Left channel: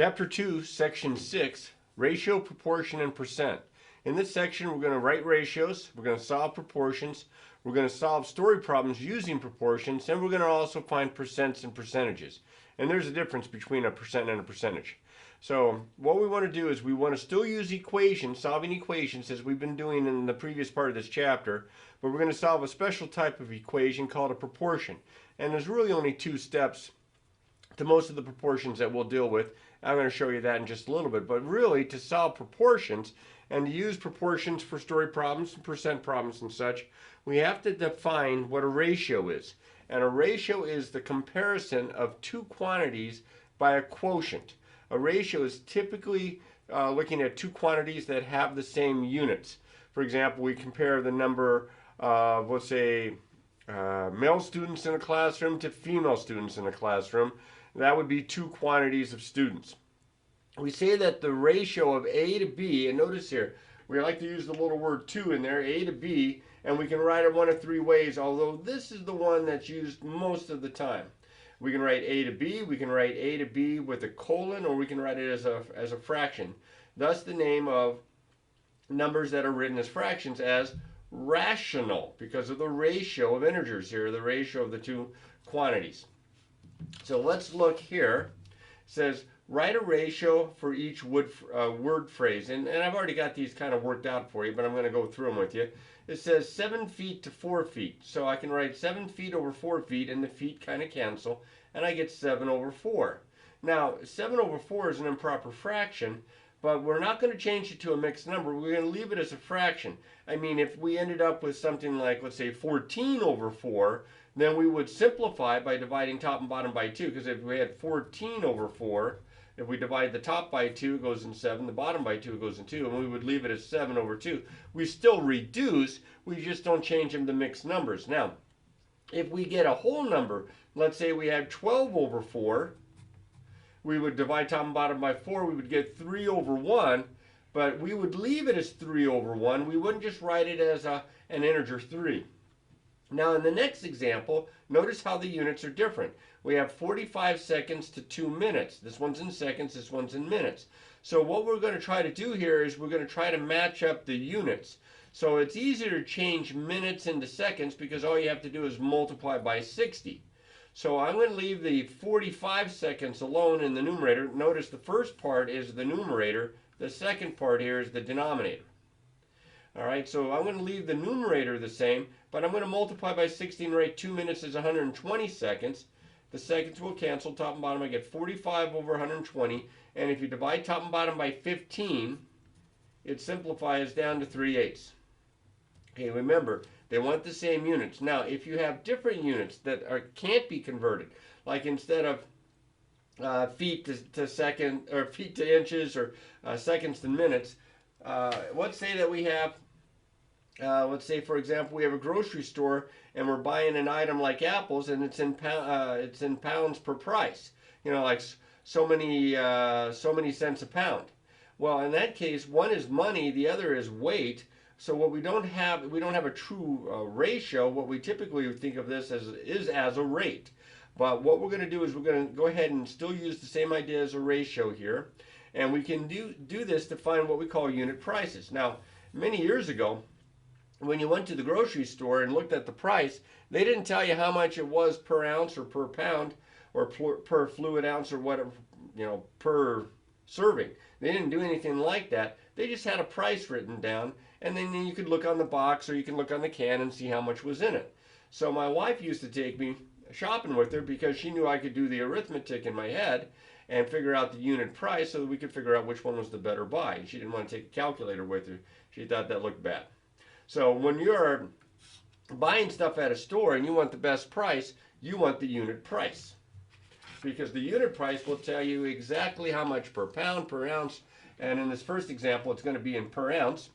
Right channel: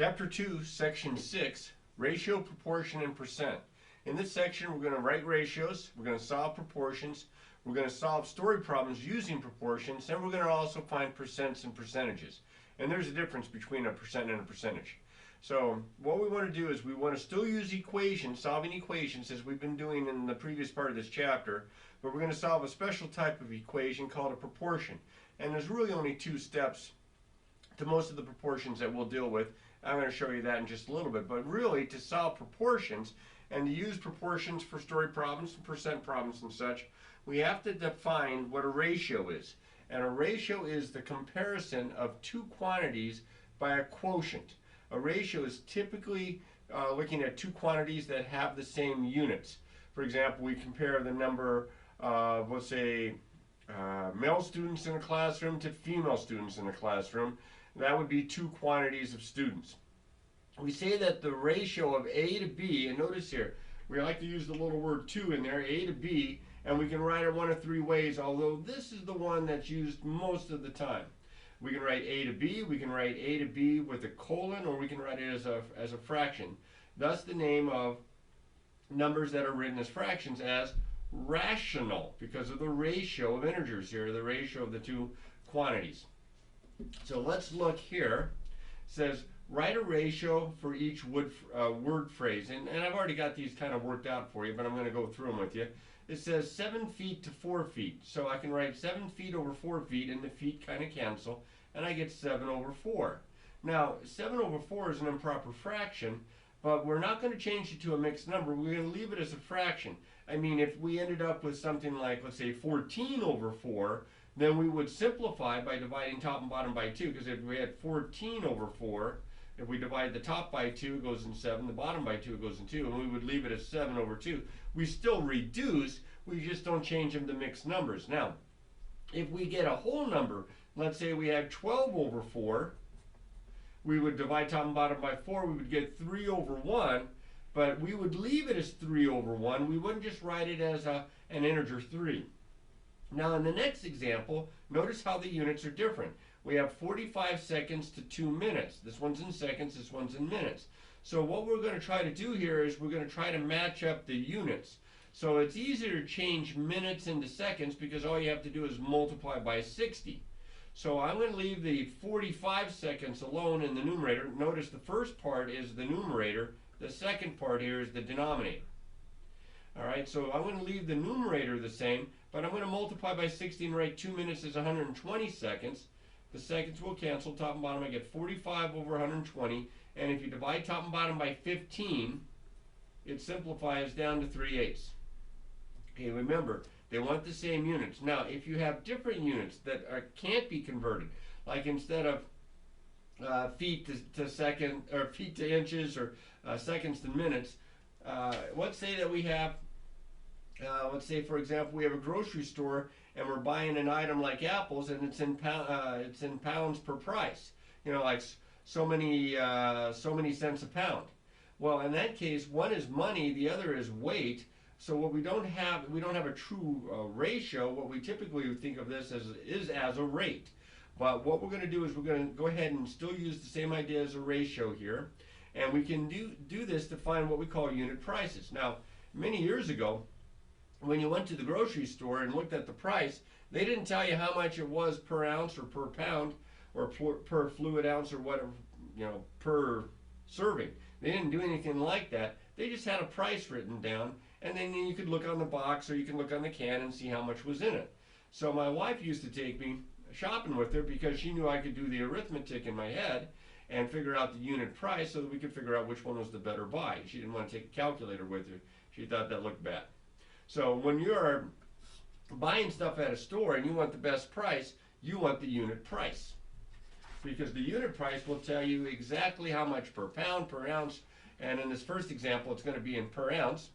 Chapter 2, Section 6, Ratio, Proportion, and Percent. In this section, we're going to write ratios, we're going to solve proportions, we're going to solve story problems using proportions, and we're going to also find percents and percentages. And there's a difference between a percent and a percentage. So what we want to do is we want to still use equations, solving equations, as we've been doing in the previous part of this chapter, but we're going to solve a special type of equation called a proportion. And there's really only two steps to most of the proportions that we'll deal with. I'm going to show you that in just a little bit. But really, to solve proportions and to use proportions for story problems and percent problems and such, we have to define what a ratio is. And a ratio is the comparison of two quantities by a quotient. A ratio is typically looking at two quantities that have the same units. For example, we compare the number of, let's say, male students in a classroom to female students in a classroom. That would be two quantities of students. We say that the ratio of A to B, and notice here, we like to use the little word 2 in there, A to B, and we can write it one of three ways, although this is the one that's used most of the time. We can write A to B, we can write A to B with a colon, or we can write it as a fraction. Thus the name of numbers that are written as fractions as rational, because of the ratio of integers here, the ratio of the two quantities. So let's look here. It says write a ratio for each word phrase. And I've already got these kind of worked out for you, but I'm going to go through them with you. It says 7 feet to 4 feet. So I can write 7 feet over 4 feet, and the feet kind of cancel, and I get 7 over 4. Now, 7 over 4 is an improper fraction, but we're not going to change it to a mixed number. We're going to leave it as a fraction. I mean, if we ended up with something like, let's say, 14 over 4, then we would simplify by dividing top and bottom by 2, because if we had 14 over 4, if we divide the top by 2, it goes in 7, the bottom by 2, it goes in 2, and we would leave it as 7 over 2. We still reduce, we just don't change them to mixed numbers. Now, if we get a whole number, let's say we had 12 over 4, we would divide top and bottom by 4, we would get 3 over 1, but we would leave it as 3 over 1. We wouldn't just write it as an integer 3. Now in the next example, notice how the units are different. We have 45 seconds to 2 minutes. This one's in seconds, this one's in minutes. So what we're going to try to do here is we're going to try to match up the units. So it's easier to change minutes into seconds because all you have to do is multiply by 60. So I'm going to leave the 45 seconds alone in the numerator. Notice the first part is the numerator. The second part here is the denominator. All right, so I'm going to leave the numerator the same, but I'm going to multiply by 60 and write 2 minutes as 120 seconds. The seconds will cancel, top and bottom. I get 45 over 120, and if you divide top and bottom by 15, it simplifies down to 3/8. Okay, remember, they want the same units. Now, if you have different units that can't be converted, like instead of feet to second, or feet to inches, or seconds to minutes, let's say that we have, let's say for example, we have a grocery store and we're buying an item like apples, and it's in pounds per price. You know, like so many cents a pound. Well, in that case, one is money, the other is weight. So what we don't have a true ratio. What we typically would think of this as a rate. But what we're going to do is we're going to go ahead and still use the same idea as a ratio here. And we can do this to find what we call unit prices. Now, many years ago, when you went to the grocery store and looked at the price, they didn't tell you how much it was per ounce or per pound or per fluid ounce or whatever, you know, per serving. They didn't do anything like that. They just had a price written down, and then you could look on the box or you can look on the can and see how much was in it. So my wife used to take me shopping with her because she knew I could do the arithmetic in my head and figure out the unit price so that we could figure out which one was the better buy. She didn't want to take a calculator with her. She thought that looked bad. So when you're buying stuff at a store and you want the best price, you want the unit price. Because the unit price will tell you exactly how much per pound, per ounce, and in this first example, it's going to be in per ounce.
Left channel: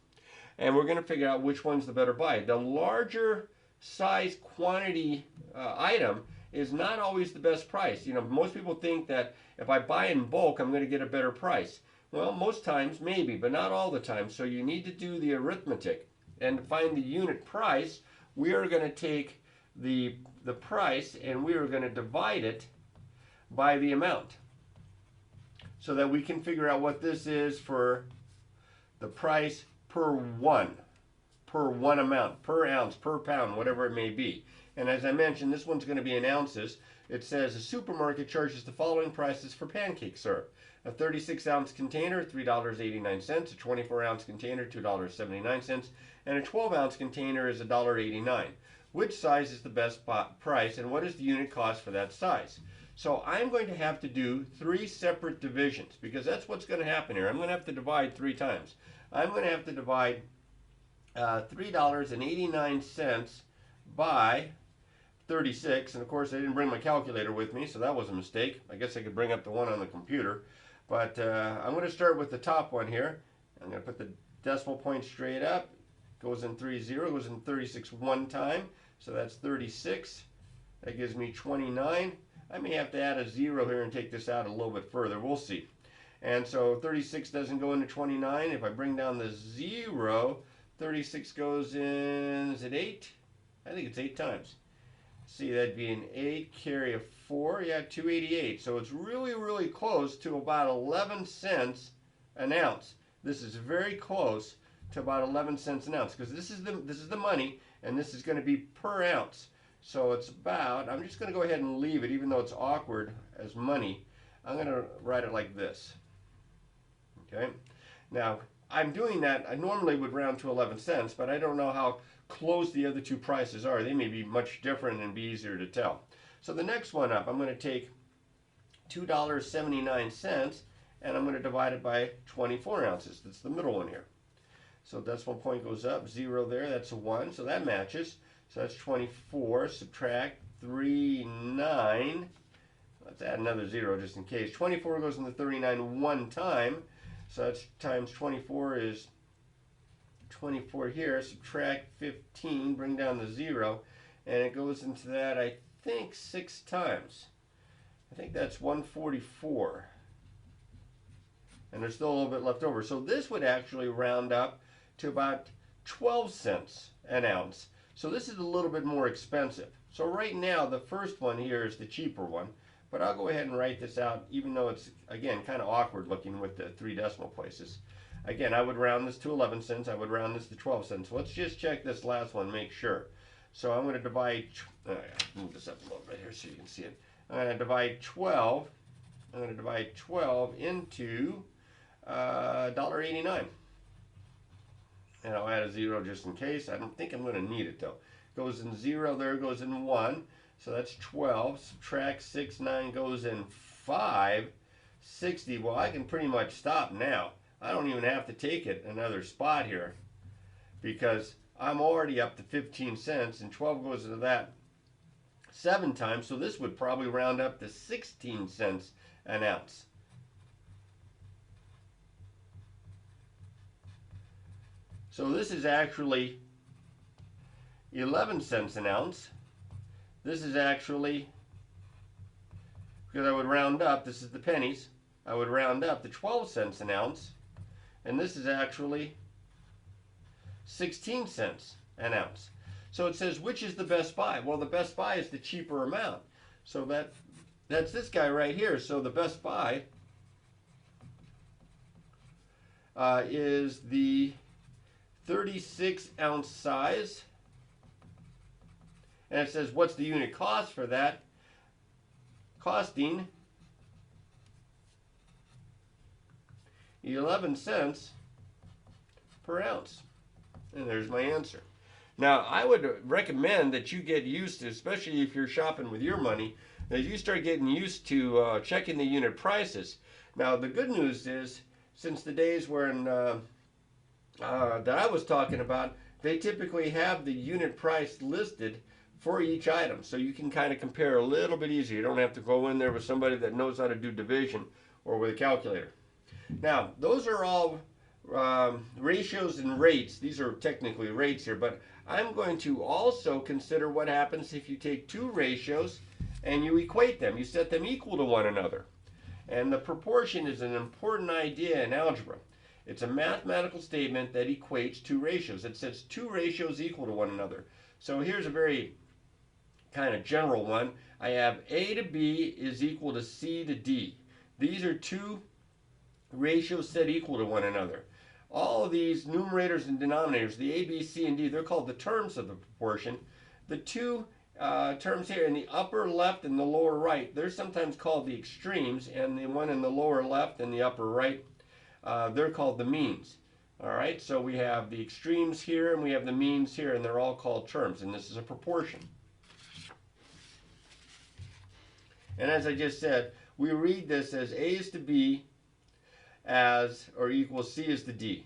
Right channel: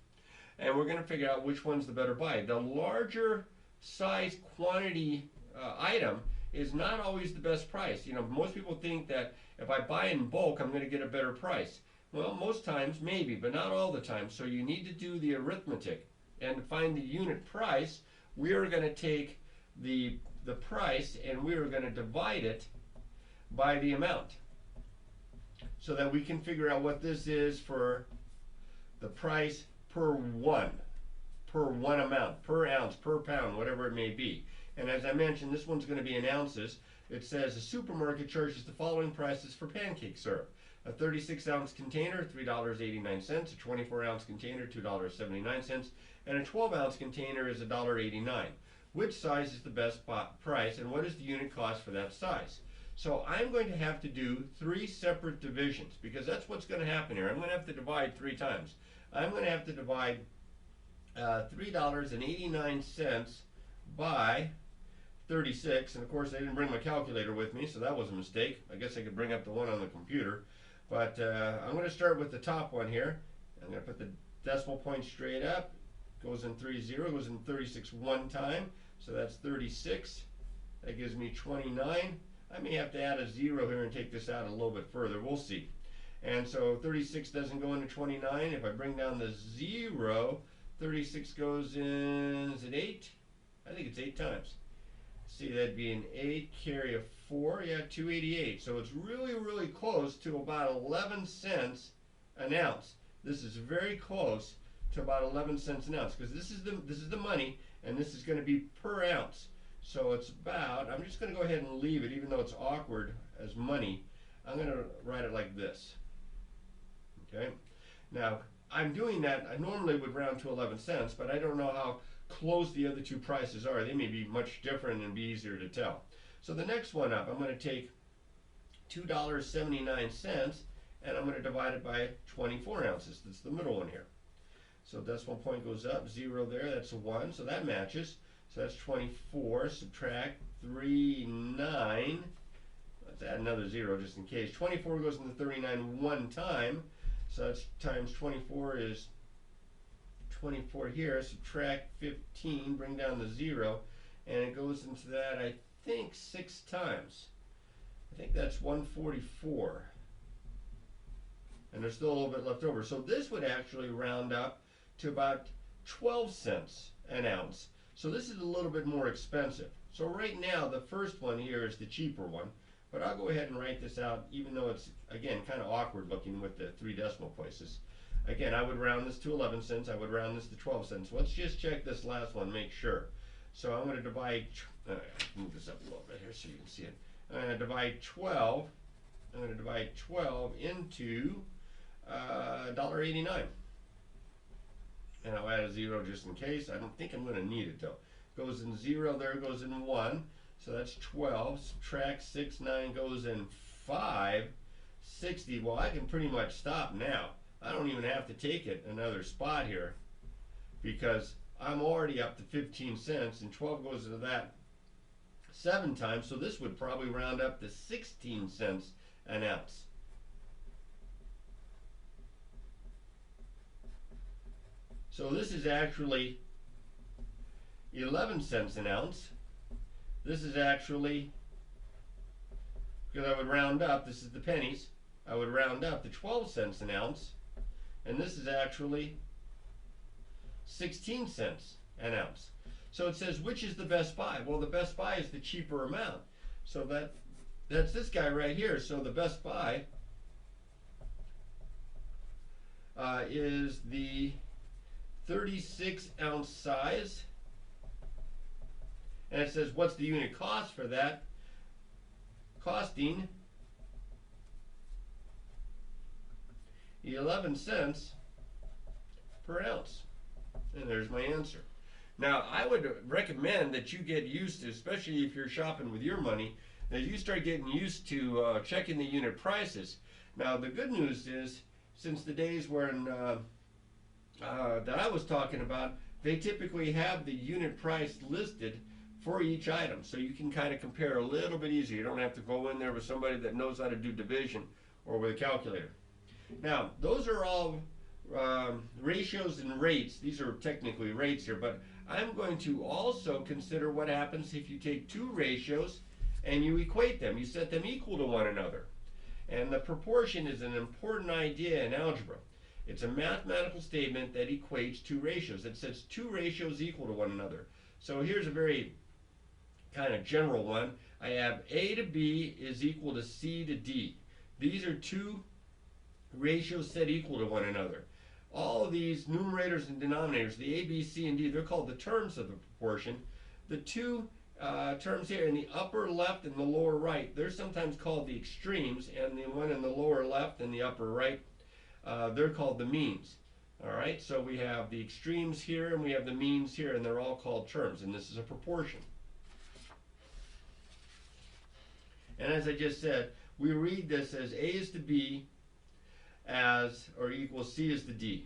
And we're going to figure out which one's the better buy. The larger size quantity item is not always the best price. You know, most people think that if I buy in bulk, I'm going to get a better price. Well, most times maybe, but not all the time. So you need to do the arithmetic. And to find the unit price, we are going to take the price and we are going to divide it by the amount. so that we can figure out what this is for the price per one amount, per ounce, per pound, whatever it may be. And as I mentioned, this one's going to be in ounces. It says a supermarket charges the following prices for pancake syrup. A 36-ounce container, $3.89. A 24-ounce container, $2.79. And a 12-ounce container is $1.89. Which size is the best price, and what is the unit cost for that size? So I'm going to have to do 3 separate divisions, because that's what's going to happen here. I'm going to have to divide 3 times. I'm going to have to divide $3.89 by 36, and of course I didn't bring my calculator with me, so that was a mistake. I guess I could bring up the one on the computer, but I'm going to start with the top one here. I'm going to put the decimal point straight up. Goes in 30, goes in 36 one time, so that's 36. That gives me 29. I may have to add a 0 here and take this out a little bit further. We'll see. And so 36 doesn't go into 29. If I bring down the 0, 36 goes in, is it 8? I think it's 8 times. See, that'd be an 8, carry a 4, yeah, 288. So it's really, really close to about 11 cents an ounce. This is very close to about 11 cents an ounce, because this is the money, and this is going to be per ounce. So it's about, I'm just going to go ahead and leave it, even though it's awkward as money. I'm going to write it like this. Okay. Now, I'm doing that. I normally would round to 11 cents, but I don't know how close the other 2 prices are. They may be much different and be easier to tell. So the next one up, I'm going to take $2.79, and I'm going to divide it by 24 ounces. That's the middle one here. So decimal point goes up, 0 there, that's a 1, so that matches. So that's 24, subtract 3, 9. Let's add another 0 just in case. 24 goes into 39 one time, so that's times 24 is 24 here. Subtract 15, bring down the 0, and it goes into that, I think, 6 times. I think that's 144. And there's still a little bit left over. So this would actually round up to about 12 cents an ounce. So this is a little bit more expensive. So right now, the first one here is the cheaper one, but I'll go ahead and write this out, even though it's, again, kind of awkward looking with the 3 decimal places. Again, I would round this to 11 cents. I would round this to 12 cents. Let's just check this last one, make sure. So I'm going to divide, move this up a little bit here so you can see it. I'm going to divide 12. I'm going to divide 12 into $1.89. And I'll add a 0 just in case. I don't think I'm going to need it though. Goes in 0 there, goes in 1. So that's 12. Subtract 6, 9 goes in 5. 60. Well, I can pretty much stop now. I don't even have to take it another spot here, because I'm already up to 15 cents, and 12 goes into that 7 times. So this would probably round up to 16 cents an ounce. So this is actually 11 cents an ounce. This is actually, because I would round up, this is the pennies, I would round up to 12 cents an ounce. And this is actually 16 cents an ounce. So it says, which is the best buy? Well, the best buy is the cheaper amount. So that's this guy right here. So the best buy is the 36-ounce size, and it says what's the unit cost for that? Costing 11 cents per ounce. And there's my answer. Now, I would recommend that you get used to, especially if you're shopping with your money, that you start getting used to checking the unit prices. Now, the good news is, since the days when that I was talking about, they typically have the unit price listed for each item, so you can kind of compare a little bit easier. You don't have to go in there with somebody that knows how to do division or with a calculator. Now, those are all ratios and rates. These are technically rates here, but I'm going to also consider what happens if you take 2 ratios and you equate them. You set them equal to one another. And the proportion is an important idea in algebra. It's a mathematical statement that equates 2 ratios. It says 2 ratios equal to one another. So here's a very kind of general one. I have A to B is equal to C to D. These are 2 ratios set equal to one another. All of these numerators and denominators, the A, B, C, and D, they're called the terms of the proportion. The two terms here in the upper left and the lower right, they're sometimes called the extremes, and the one in the lower left and the upper right, they're called the means. All right, so we have the extremes here and we have the means here, and they're all called terms, and this is a proportion. And as I just said, we read this as A is to B as or equals C is to D.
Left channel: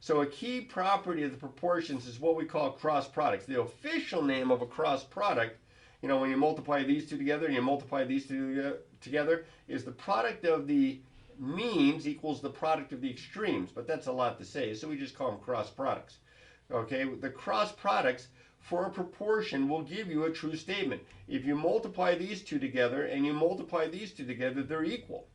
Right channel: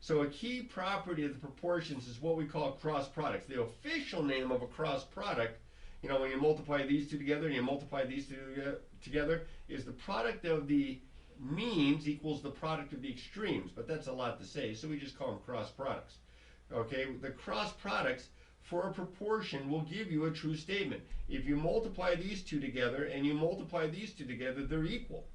So a key property of the proportions is what we call cross products. The official name of a cross product, you know, when you multiply these two together and you multiply these two together, is the product of the means equals the product of the extremes, but that's a lot to say, so we just call them cross products. Okay, the cross products for a proportion will give you a true statement. If you multiply these two together and you multiply these two together, they're equal.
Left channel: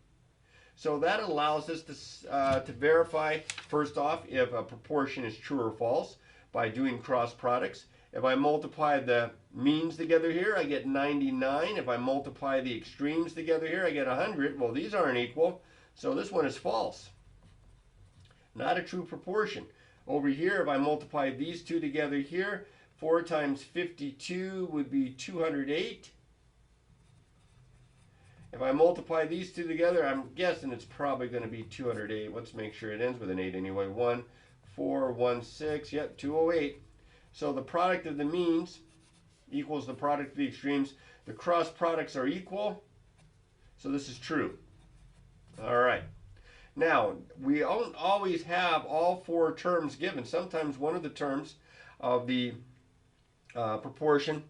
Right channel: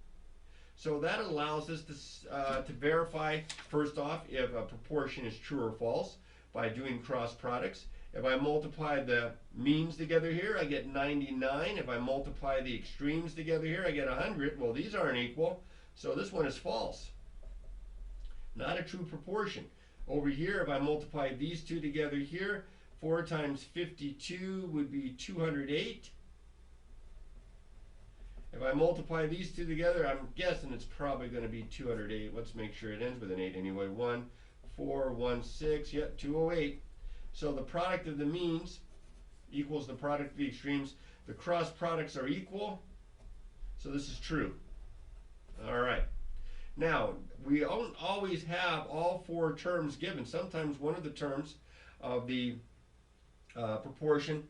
So that allows us to verify, first off, if a proportion is true or false by doing cross products. If I multiply the means together here, I get 99. If I multiply the extremes together here, I get 100. Well, these aren't equal, so this one is false. Not a true proportion. Over here, if I multiply these two together here, 4 times 52 would be 208. If I multiply these two together, I'm guessing it's probably going to be 208. Let's make sure it ends with an 8 anyway. 1, 4, 1, 6, yep, 208. So the product of the means equals the product of the extremes. The cross products are equal, so this is true. All right. Now, we don't always have all four terms given. Sometimes one of the terms of the proportion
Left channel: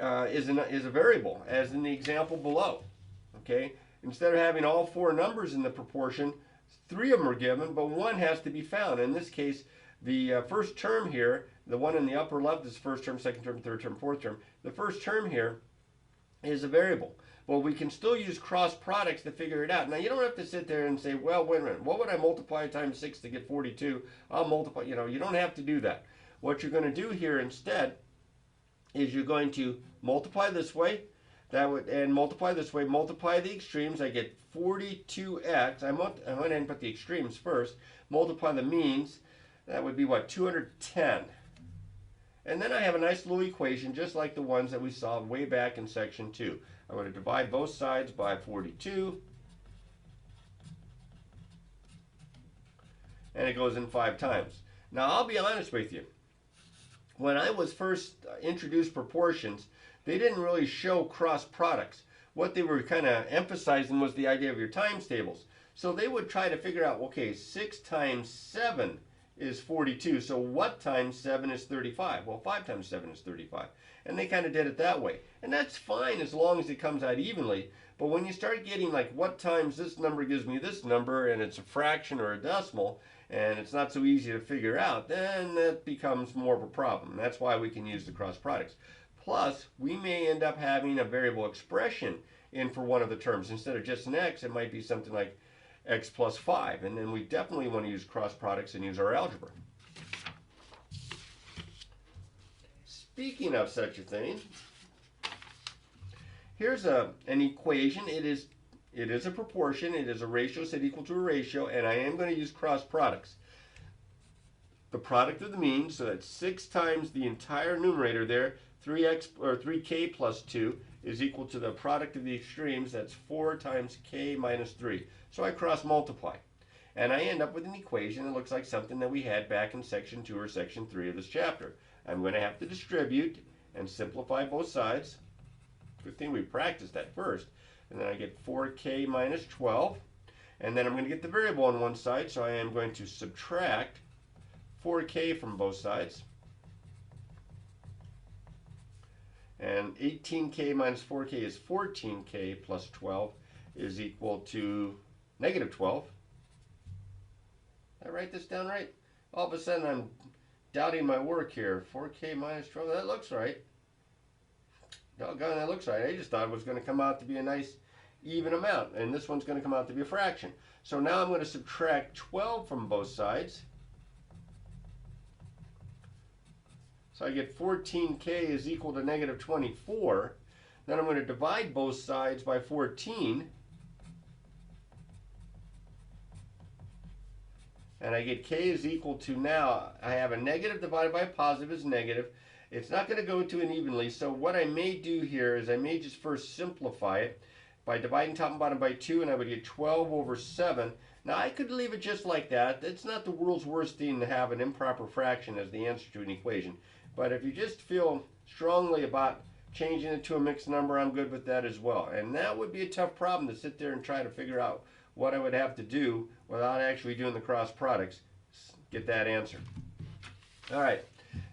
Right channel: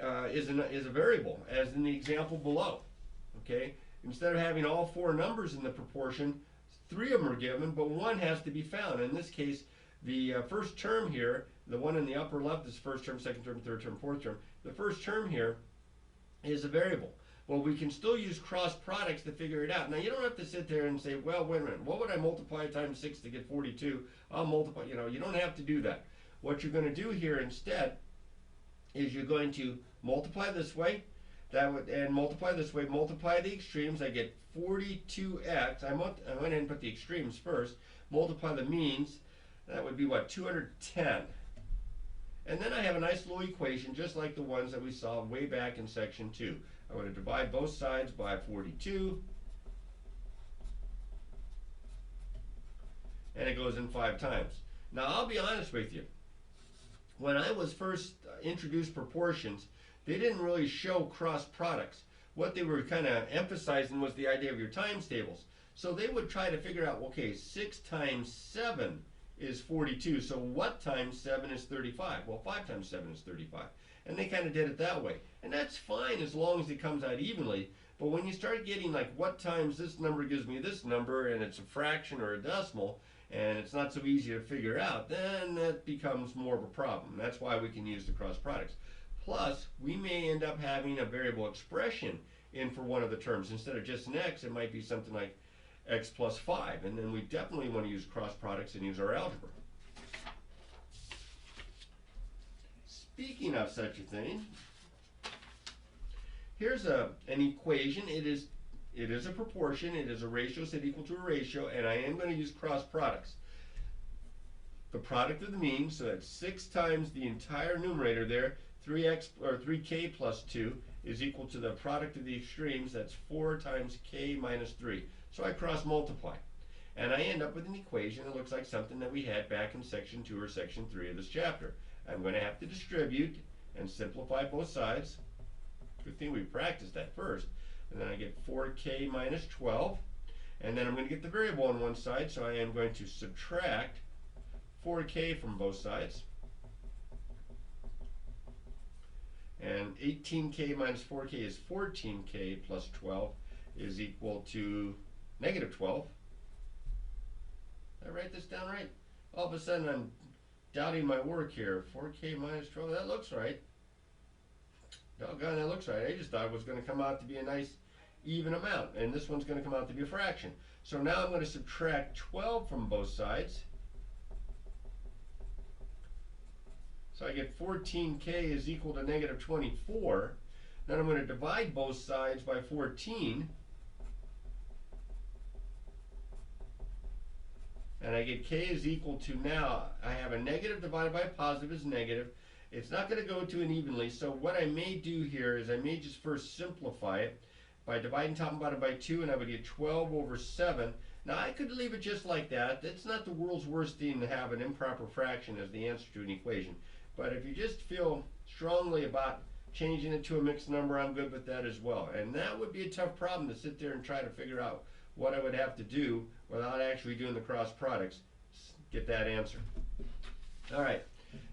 is a variable, as in the example below. Okay, instead of having all four numbers in the proportion, 3 of them are given, but one has to be found. In this case, the first term here, the one in the upper left is first term, second term, third term, fourth term. The first term here is a variable. Well, we can still use cross products to figure it out. Now, you don't have to sit there and say, well, wait a minute, what would I multiply times 6 to get 42? I'll multiply, you know, you don't have to do that. What you're going to do here instead is you're going to multiply this way, and multiply this way, multiply the extremes, I get 42x. I went ahead and put the extremes first, multiply the means, that would be what, 210. And then I have a nice little equation just like the ones that we saw way back in section 2. I'm going to divide both sides by 42, and it goes in 5 times. Now I'll be honest with you, when I was first introduced proportions, they didn't really show cross products. What they were kind of emphasizing was the idea of your times tables. So they would try to figure out, okay, 6 times 7 is 42, so what times 7 is 35? Well, 5 times 7 is 35. And they kind of did it that way. And that's fine as long as it comes out evenly. But when you start getting like what times this number gives me this number, and it's a fraction or a decimal, and it's not so easy to figure out, then that becomes more of a problem. That's why we can use the cross products. Plus, we may end up having a variable expression in for one of the terms. Instead of just an x, it might be something like x plus 5. And then we definitely want to use cross products and use our algebra. Speaking of such a thing, here's an equation. It is a proportion. It is a ratio set equal to a ratio, and I am going to use cross products. The product of the means, so that's 6 times the entire numerator there, 3x or 3k plus 2 is equal to the product of the extremes. That's 4 times k minus 3. So I cross multiply, and I end up with an equation that looks like something that we had back in section 2 or section 3 of this chapter. I'm going to have to distribute and simplify both sides. Good thing we practiced that first. And then I get 4k minus 12. And then I'm going to get the variable on one side, so I am going to subtract 4k from both sides. And 18k minus 4k is 14k plus 12 is equal to negative 12. Did I write this down right? All of a sudden I'm doubting my work here. 4k minus 12, that looks right. Doggone, that looks right. I just thought it was going to come out to be a nice even amount, and this one's going to come out to be a fraction. So now I'm going to subtract 12 from both sides. So I get 14k is equal to negative 24. Then I'm going to divide both sides by 14. and I get k is equal to, now I have a negative divided by a positive is negative. It's not going to go to an evenly, so what I may do here is I may just first simplify it by dividing top and bottom by 2, and I would get 12 over 7. Now I could leave it just like that. It's not the world's worst thing to have an improper fraction as the answer to an equation. But if you just feel strongly about changing it to a mixed number, I'm good with that as well. And that would be a tough problem to sit there and try to figure out what I would have to do without actually doing the cross products, get that answer. All right,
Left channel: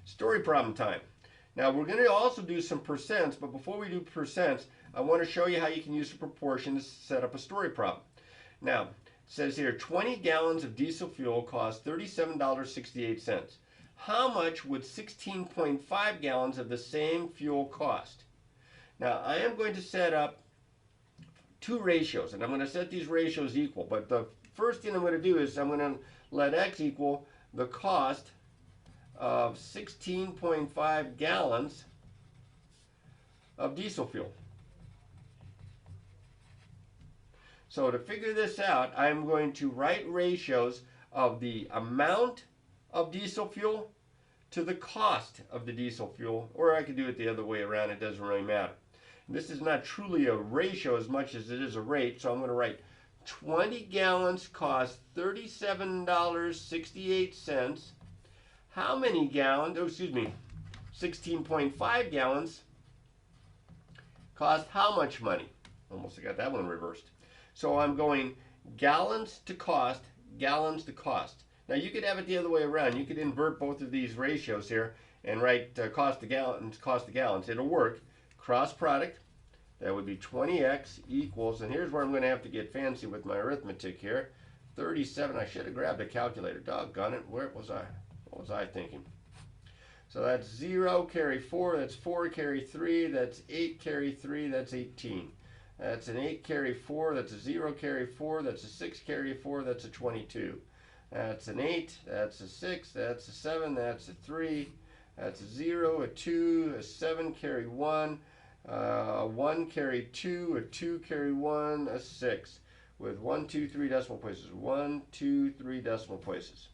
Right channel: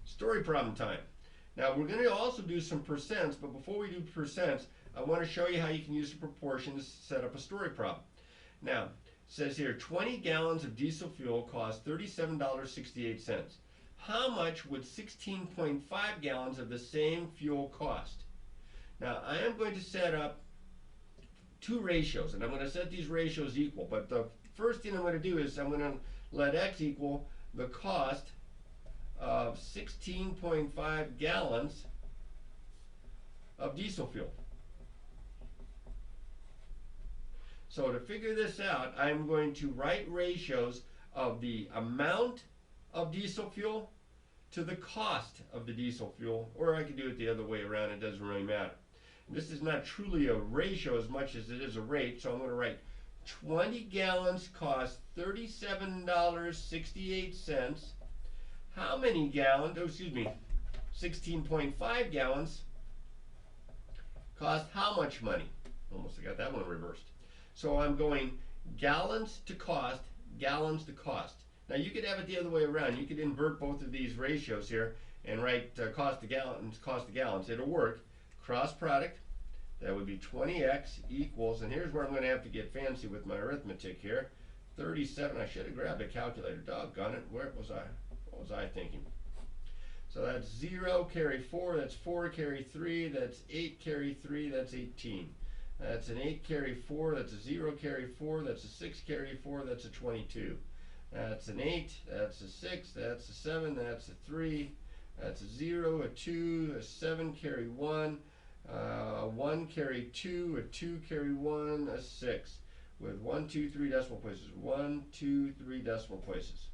story problem time. Now we're going to also do some percents, but before we do percents, I want to show you how you can use a proportion to set up a story problem. Now, it says here 20 gallons of diesel fuel cost $37.68. How much would 16.5 gallons of the same fuel cost? Now, I am going to set up two ratios, and I'm going to set these ratios equal, but the first thing I'm going to do is I'm going to let x equal the cost of 16.5 gallons of diesel fuel. So to figure this out, I'm going to write ratios of the amount of diesel fuel to the cost of the diesel fuel, or I could do it the other way around, it doesn't really matter. And this is not truly a ratio as much as it is a rate, so I'm going to write 20 gallons cost $37.68. How many gallons, 16.5 gallons cost how much money? Almost got that one reversed. So I'm going gallons to cost, gallons to cost. Now you could have it the other way around. You could invert both of these ratios here and write cost to gallons, cost to gallons. It'll work. Cross product, that would be 20x equals, and here's where I'm going to have to get fancy with my arithmetic here. 37, I should have grabbed a calculator, doggone it. Where was I? What was I thinking? So that's 0 carry 4, that's 4 carry 3, that's 8 carry 3, that's 18. That's an 8 carry 4, that's a 0 carry 4, that's a 6 carry 4, that's a 22. That's an 8, that's a 6, that's a 7, that's a 3, that's a 0, a 2, a 7 carry 1, a 1 carry 2, a 2 carry 1, a 6, with 1, 2, 3 decimal places. 1, 2, 3 decimal places.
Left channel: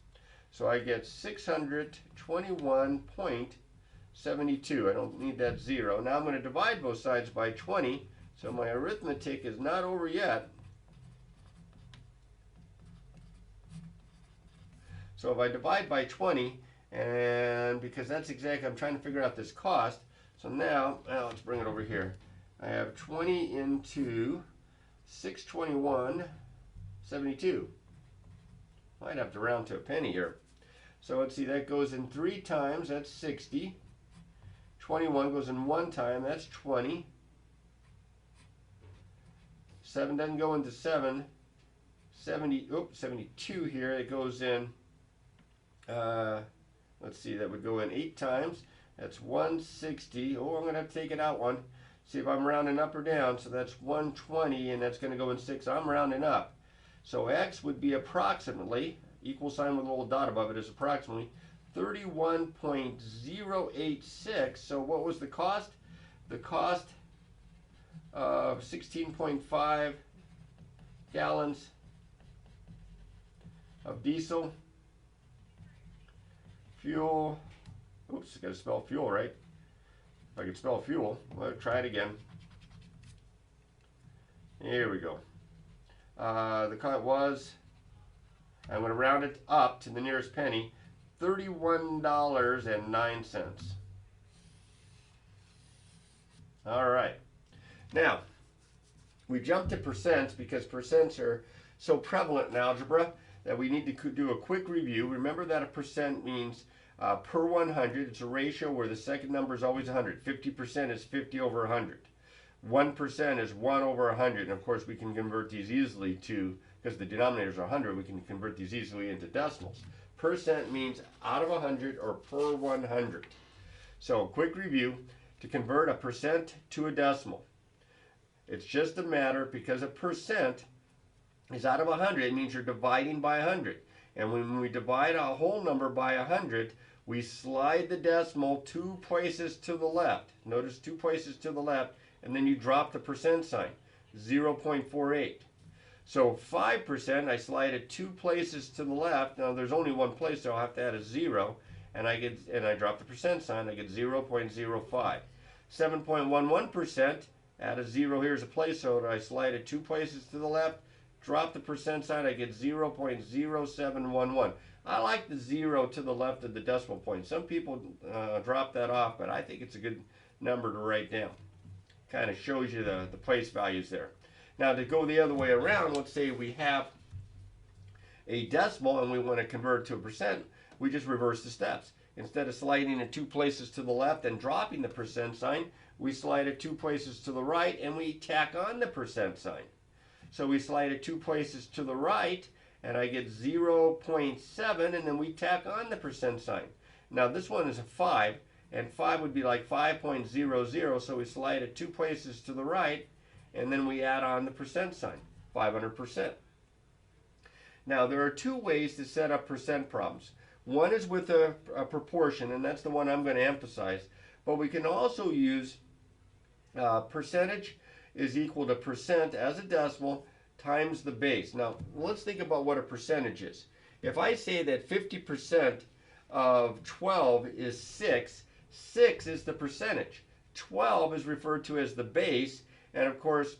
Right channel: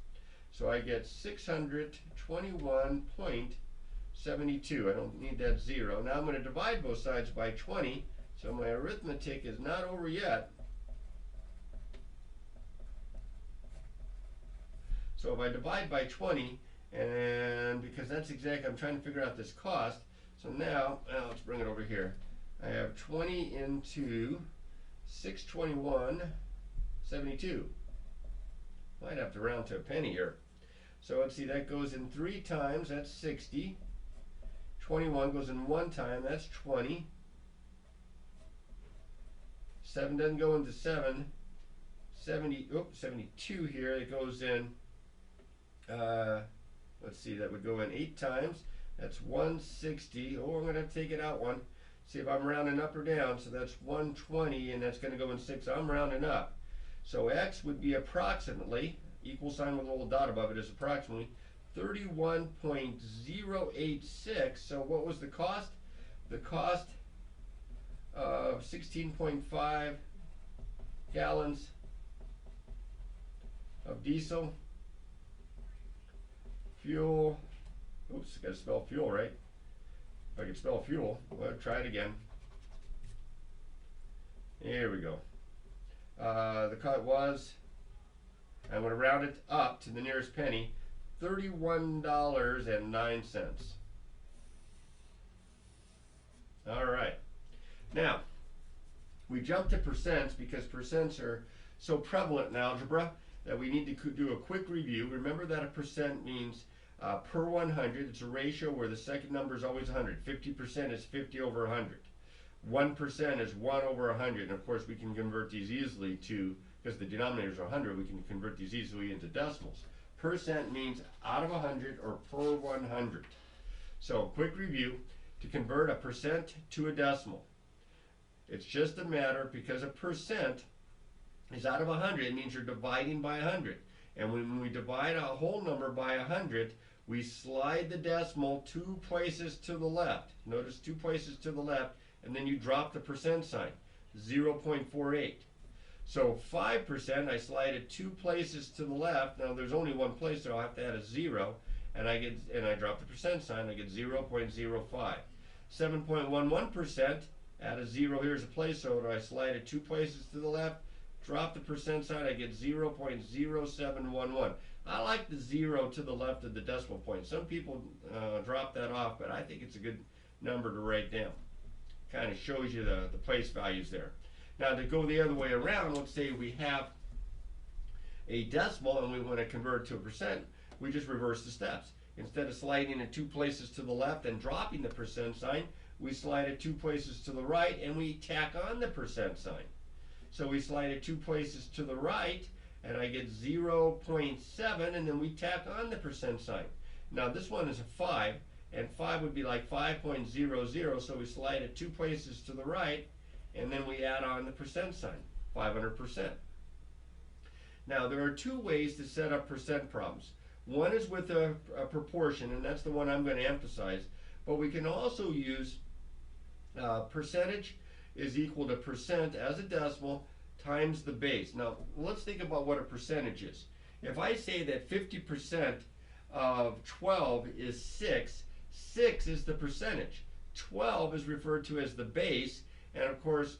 So I get 621.72. I don't need that 0. Now I'm going to divide both sides by 20. So my arithmetic is not over yet. So if I divide by 20, and because that's exactly, I'm trying to figure out this cost. So now, let's bring it over here. I have 20 into 621.72. Might have to round to a penny here. So let's see, that goes in 3 times, that's 60. 21 goes in 1 time, that's 20. 7 doesn't go into 7. 72 here, it goes in, let's see, that would go in 8 times. That's 160. Oh, I'm going to have to take it out one. See if I'm rounding up or down. So that's 120, and that's going to go in 6. I'm rounding up. So x would be approximately, equal sign with a little dot above it is approximately 31.086. So what was the cost? The cost of 16.5 gallons of diesel fuel. Oops, got to spell fuel right. If I could spell fuel, well, try it again. Here we go. The cost was, I'm going to round it up to the nearest penny, $31.09. All right. Now, we jumped to percents because percents are so prevalent in algebra that we need to do a quick review. Remember that a percent means per 100. It's a ratio where the second number is always 100. 50% is 50 over 100. 1% is 1 over 100. And of course, we can convert these easily to, because the denominators are 100, we can convert these easily into decimals. Percent means out of 100 or per 100. So, quick review. To convert a percent to a decimal, it's just a matter, because a percent is out of 100, it means you're dividing by 100. And when we divide a whole number by 100, we slide the decimal 2 places to the left. Notice 2 places to the left, and then you drop the percent sign, 0.48. So 5%, I slide it 2 places to the left. Now there's only one place, so I'll have to add a 0, and I drop the percent sign, I get 0.05. 7.11%, add a 0 here as a placeholder, I slide it 2 places to the left, drop the percent sign, I get 0.0711. I like the 0 to the left of the decimal point. Some people drop that off, but I think it's a good number to write down. Kind of shows you the place values there. Now to go the other way around, let's say we have a decimal and we want to convert it to a percent, we just reverse the steps. Instead of sliding it 2 places to the left and dropping the percent sign, we slide it 2 places to the right and we tack on the percent sign. So we slide it 2 places to the right and I get 0.7, and then we tack on the percent sign. Now this one is a 5, and 5 would be like 5.00, so we slide it 2 places to the right and then we add on the percent sign, 500%. Now there are 2 ways to set up percent problems. One is with a proportion, and that's the one I'm going to emphasize, but we can also use percentage is equal to percent as a decimal times the base. Now let's think about what a percentage is. If I say that 50% of 12 is 6, 6 is the percentage. 12 is referred to as the base, and of course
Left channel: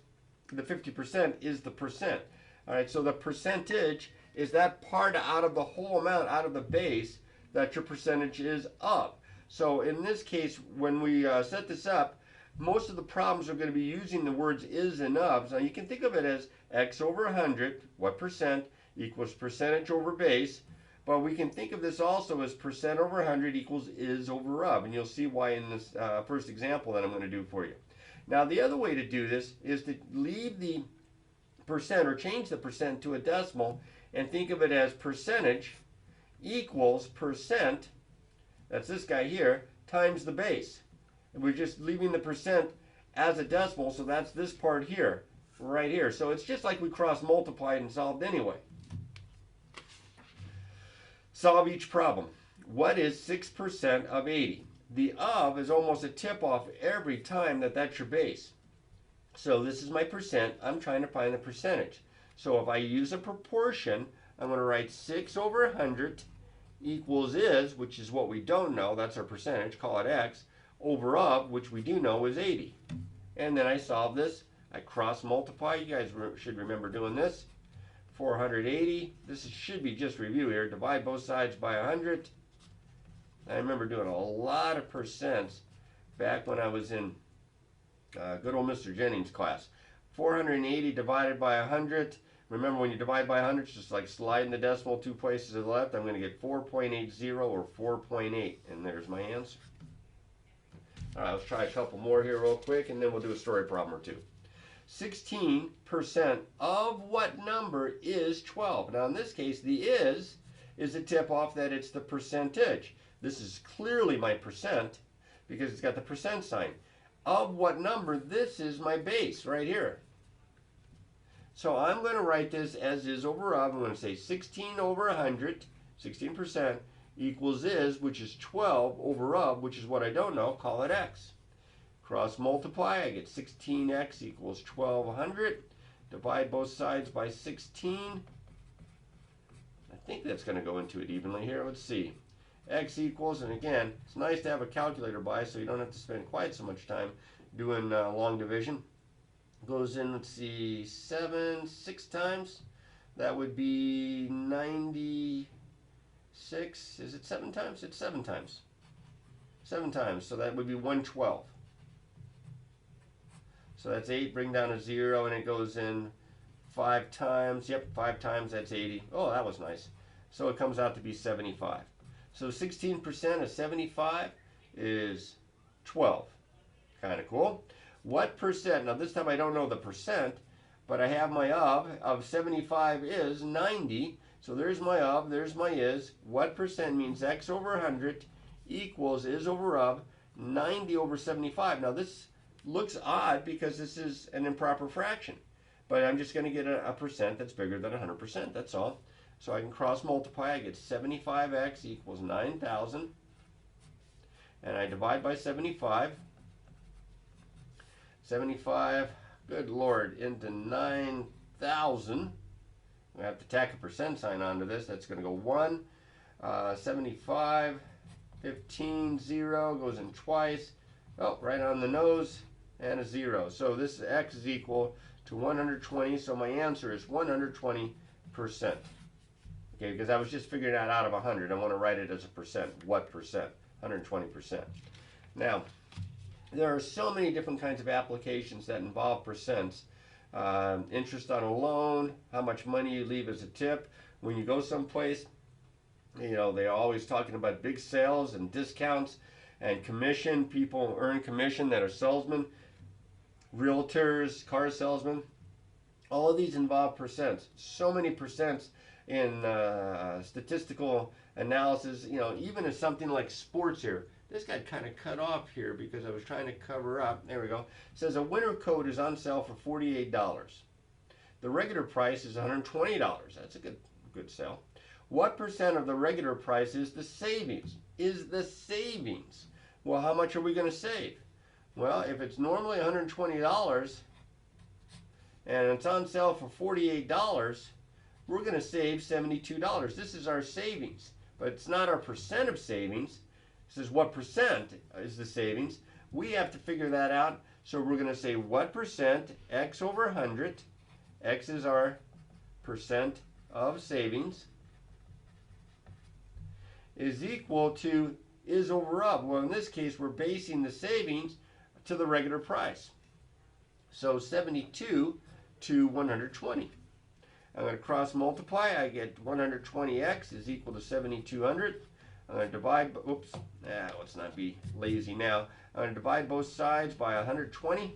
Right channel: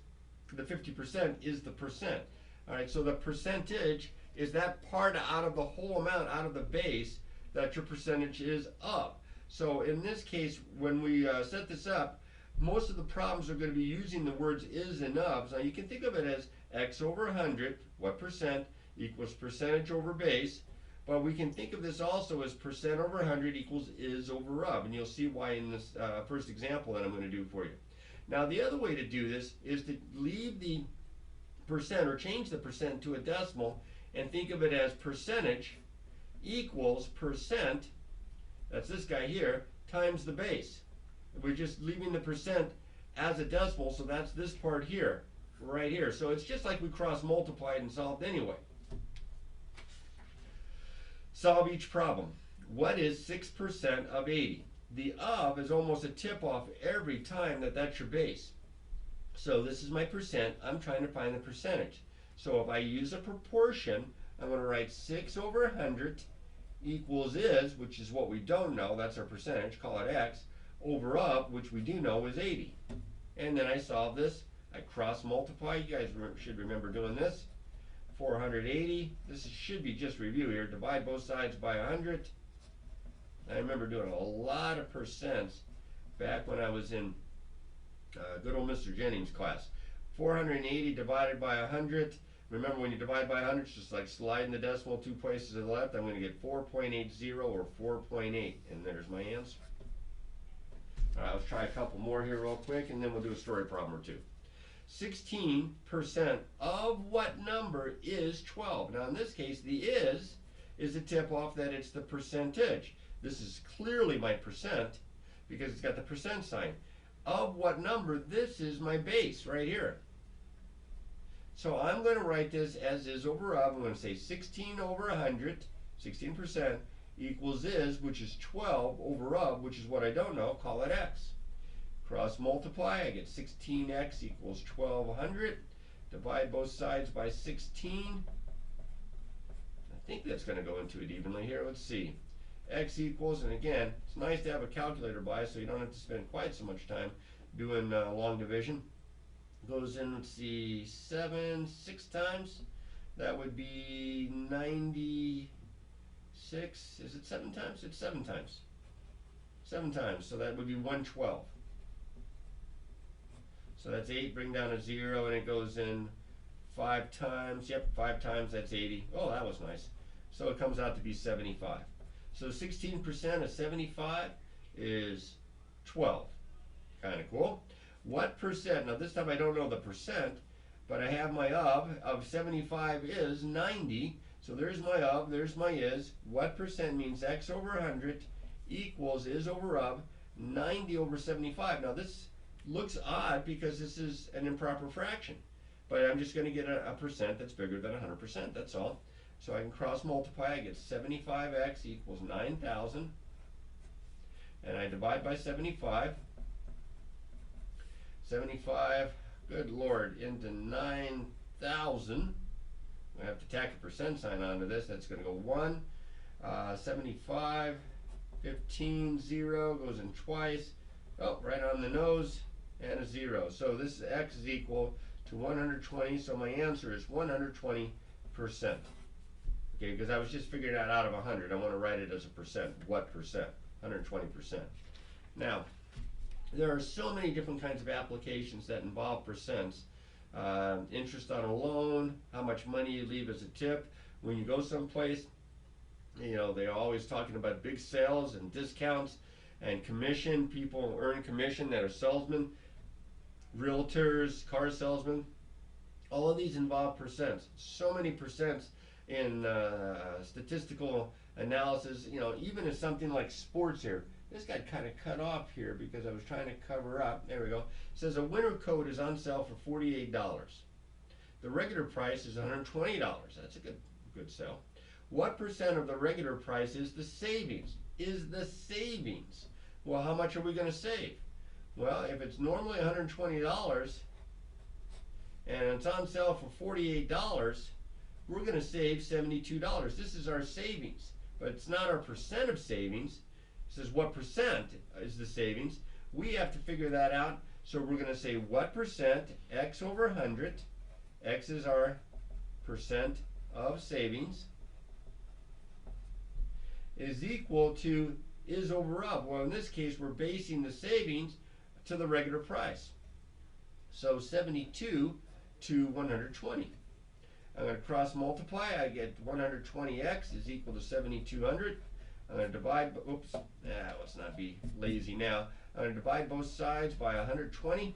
the 50% is the percent. Alright, so the percentage is that part out of the whole amount, out of the base, that your percentage is of. So in this case, when we set this up, most of the problems are going to be using the words is and of. Now you can think of it as x over 100, what percent, equals percentage over base. But we can think of this also as percent over 100 equals is over of. And you'll see why in this first example that I'm going to do for you. Now the other way to do this is to leave the percent or change the percent to a decimal and think of it as percentage equals percent, that's this guy here, times the base. We're just leaving the percent as a decimal, so that's this part here, right here. So it's just like we cross multiplied and solved anyway. Solve each problem. What is 6% of 80? The of is almost a tip off every time that's your base. So this is my percent. I'm trying to find the percentage. So if I use a proportion, I'm going to write 6 over 100 equals is, which is what we don't know, that's our percentage, call it x, over of, which we do know is 80. And then I solve this. I cross multiply. You guys should remember doing this. 480. This should be just review here. Divide both sides by 100. I remember doing a lot of percents back when I was in good old Mr. Jennings' class. 480 divided by 100. Remember, when you divide by 100, it's just like sliding the decimal 2 places to the left. I'm going to get 4.80 or 4.8, and there's my answer. All right, let's try a couple more here real quick, and then we'll do a story problem or two. 16% of what number is 12? Now, in this case, the is a tip-off that it's the percentage. This is clearly my percent because it's got the percent sign. Of what number? This is my base right here. So I'm going to write this as is over of. I'm going to say 16 over 100, 16%, equals is, which is 12, over of, which is what I don't know, call it x. Cross multiply, I get 16x equals 1200. Divide both sides by 16. I think that's going to go into it evenly here. Let's see. X equals, and again, it's nice to have a calculator by so you don't have to spend quite so much time doing long division. Goes in, let's see, 6 times. That would be 96. Is it 7 times? It's 7 times. 7 times, so that would be 112. So that's 8, bring down a 0, and it goes in 5 times. Yep, 5 times, that's 80. Oh, that was nice. So it comes out to be 75. So 16% of 75 is 12. Kind of cool. What percent? Now this time I don't know the percent, but I have my of 75 is 90. So there's my of, there's my is. What percent means x over 100 equals is over of 90 over 75. Now this looks odd because this is an improper fraction, but I'm just going to get a percent that's bigger than 100%, that's all. So I can cross multiply, I get 75x equals 9,000, and I divide by 75. 75, good Lord, into 9 1,000. We have to tack a percent sign onto this. That's going to go 1, 75, 15, 0, goes in twice. Oh, right on the nose, and a 0. So this x is equal to 120, so my answer is 120%. Okay, because I was just figuring that out of 100. I want to write it as a percent. What percent? 120%. Now, there are so many different kinds of applications that involve percents. Interest on a loan, how much money you leave as a tip. When you go someplace, you know, they're always talking about big sales and discounts and commission. People earn commission that are salesmen, realtors, car salesmen. All of these involve percents. So many percents in statistical analysis. You know, even in something like sports here. This got kind of cut off here because I was trying to cover up. There we go. It says a winter coat is on sale for $48. The regular price is $120. That's a good sale. What percent of the regular price is the savings? Well, how much are we going to save? Well, if it's normally $120 and it's on sale for $48, we're going to save $72. This is our savings, but it's not our percent of savings. It says what percent is the savings. We have to figure that out. So we're going to say what percent, x over 100, x is our percent of savings, is equal to is over of. Well, in this case, we're basing the savings to the regular price. So 72 to 120. I'm going to cross multiply. I get 120x is equal to 7,200. I'm going to divide, oops, let's not be lazy now. I'm going to divide both sides by 120.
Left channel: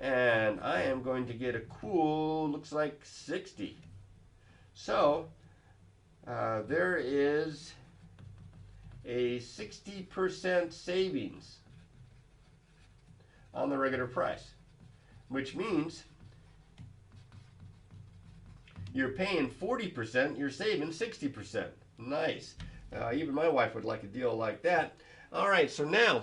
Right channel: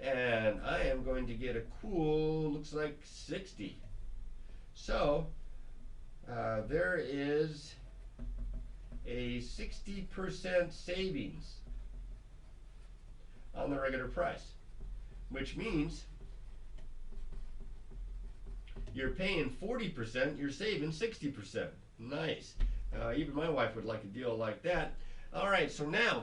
And I am going to get a cool, looks like 60. So, there is a 60% savings on the regular price, which means you're paying 40%, you're saving 60%. Nice. Even my wife would like a deal like that. All right, so now,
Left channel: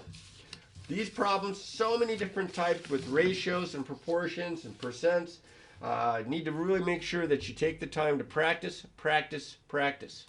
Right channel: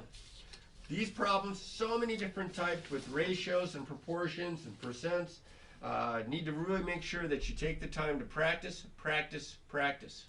these problems, so many different types with ratios and proportions and percents. Need to really make sure that you take the time to practice, practice, practice.